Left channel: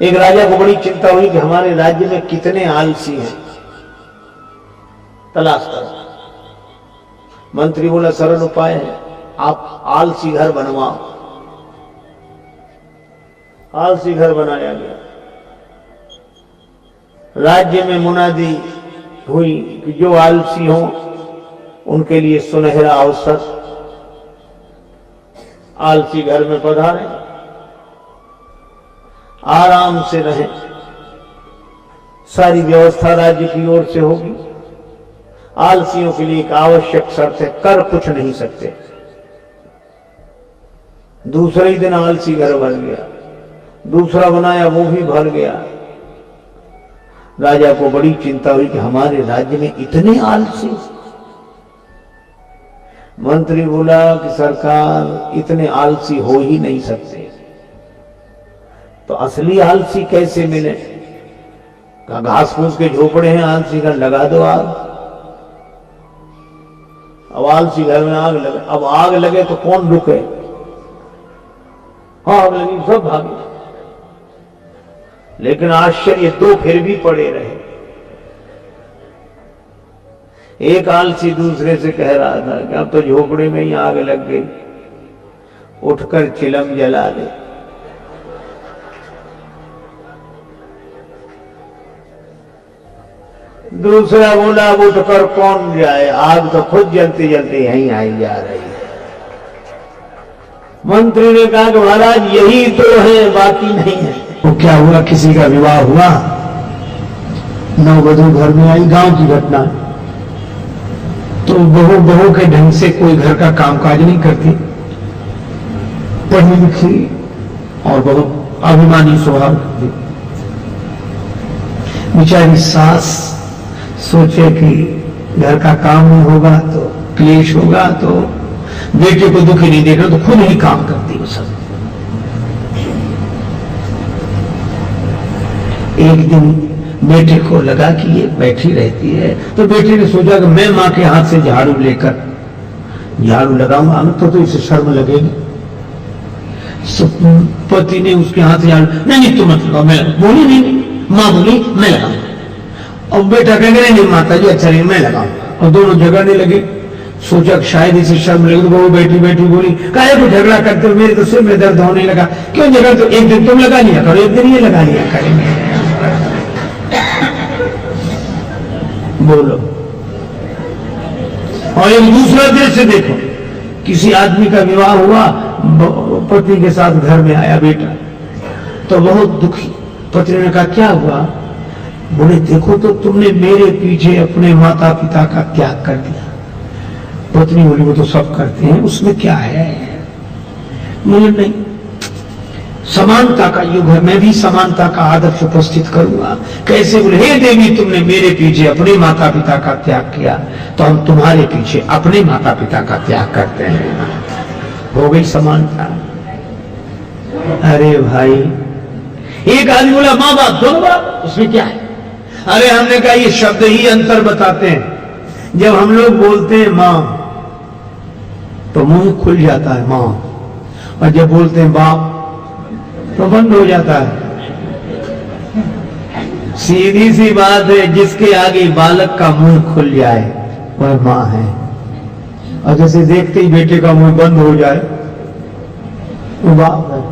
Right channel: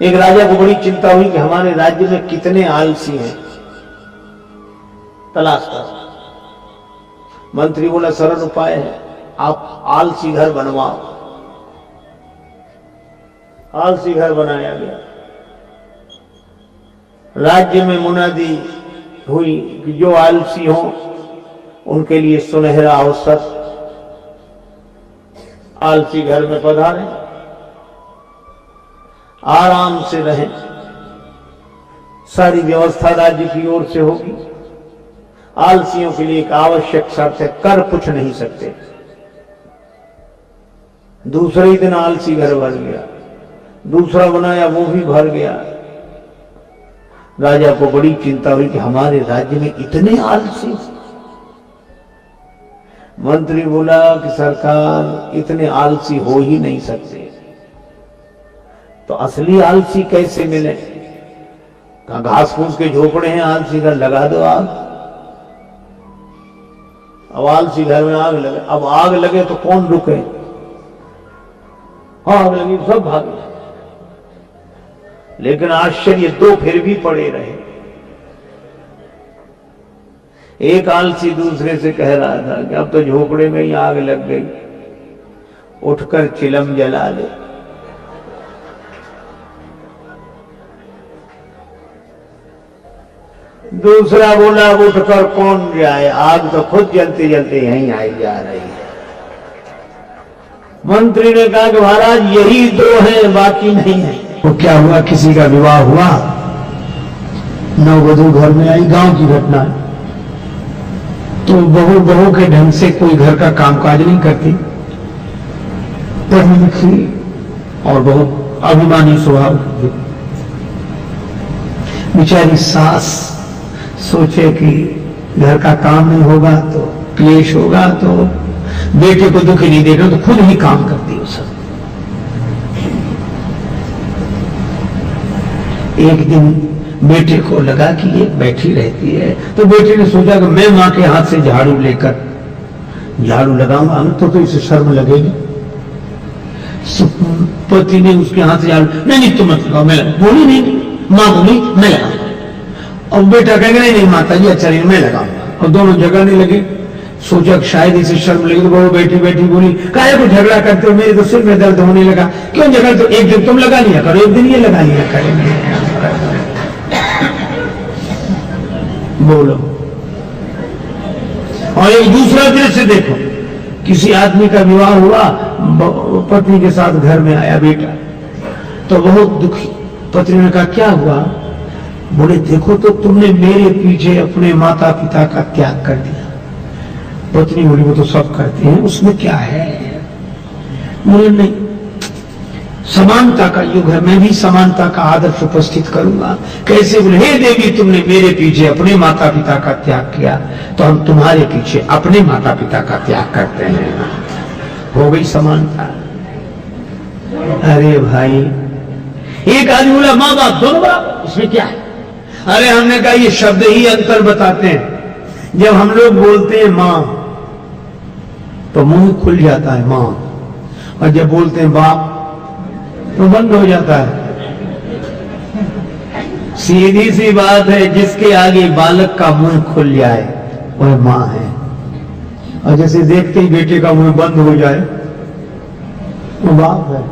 एक राजा को बड़ी चिंता हुई कि हमारे राज्य में कितने आलसी हैं, तलाश कर। मंत्री बोला सरल उपाय है, आप आलसी घर बनवाओ। आलसी घर बनाया गया। राज्य में मुनादी हुई कि जो आलसी हों उनके लिए सुनहरा अवसर, आलसी घर में पधारें, आराम से रहें, सारी व्यवस्था राज्य की ओर से होगी। आलसियों के लिए एक आवश्यक शर्त है, कर कुछ नहीं सकते। दूसरे ही दिन आलसी घर भर गया, दूसरा बनाया वो भी भर गया। राजा को बड़ी चिंता हुई कि हमारे राज्य में इतने आलसी। मंत्री बोला कि सरकार इतने आलसी हो ही नहीं सकते, तो असली आलसी कैसे मिले? कहा घास फूस के झोपड़े हैं, आलसी घर लगा दो आग। अब आलसी घर में आग लगे, अब आग लगे तो कौन रुके? आग लगी सब भागे। लेकिन आश्चर्य, दो फिर भी पड़े रहे। एक आलसी दूसरे से कह रहा था कि अब तो झोपड़े में ही आग लग गई, उठकर चिलम जला ले। दूसरा बोला अब उठकर कौन जाए, आग तो खुद जलते जलते यहीं आई जा रही है। मंत्री ने कहा कि महाराज यही दो हैं, बाकी नहीं है। तो क्या हुआ, किसी का विवाह हुआ, नववधू घर में आई, गांव की घटना। तो बहू के ढंग से कोई घर का कामकाज नहीं करती, पढ़ी लिखी और बहुत अभिमानी स्वभाव की। बेचारी सास सोचे कि घर का काम नहीं होगा तो क्लेश होगा, तो बेटे को दुखी नहीं देखना, तो खुद ही काम करती है सब। एक दिन बेटे को लगा कि ये बैठी रहती है, तो बेटे ने सोचा कि मैं मां के हाथ से झाड़ू लेकर झाड़ू लगाऊंगा, तो इसे शर्म लगेगी। पति ने उसके हाथ से झाड़ू, नहीं तुम मत लगाओ, मैं बोली नहीं, मां बोली मैं लगाऊंगा। और बेटा कहेंगे नहीं माता जी अच्छा नहीं, मैं लगाऊंगा। और दोनों झगड़ने लगे। सोचा कि शायद इसे शर्म लगी, तो वो बैठी बैठी बोली काहे को झगड़ा करते हो, मेरे तो सिर में दर्द होने लगा। क्यों झगड़ते हो, एक दिन तुम लगा लिया करो, एक दिन ये लगा लिया करेंगे। बोलो। और एक दूसरा दृश्य देखो, किसी आदमी का विवाह हुआ, पत्नी के साथ घर में आया बेटा, तो बहुत दुखी। पत्नी ने कहा क्या हुआ? बोले देखो तो तुमने मेरे पीछे अपने माता पिता का त्याग कर दिया। पत्नी बोली वो तो सब करते हैं, उसमें क्या है? बोले नहीं, समानता का युग है, मैं भी समानता का आदर्श उपस्थित करूंगा। कैसे? बोले हे देवी तुमने मेरे पीछे अपने माता पिता का त्याग किया, तो हम तुम्हारे पीछे अपने माता पिता का त्याग करते हैं। हो गई समानता। अरे भाई, एक आदमी बोला माँ बाप दोनों बराबर, उसमें क्या है? अरे हमने कहा ये शब्द ही अंतर बताते हैं। जब हम लोग बोलते हैं मां तो मुंह खुल जाता है मां, और जब बोलते हैं बाप तो बंद हो जाता है। सीधी सी बात है, जिसके आगे बालक का मुंह खुल जाए वह मां है, और जैसे देखते ही बेटे का मुंह बंद हो जाए वो बाप है।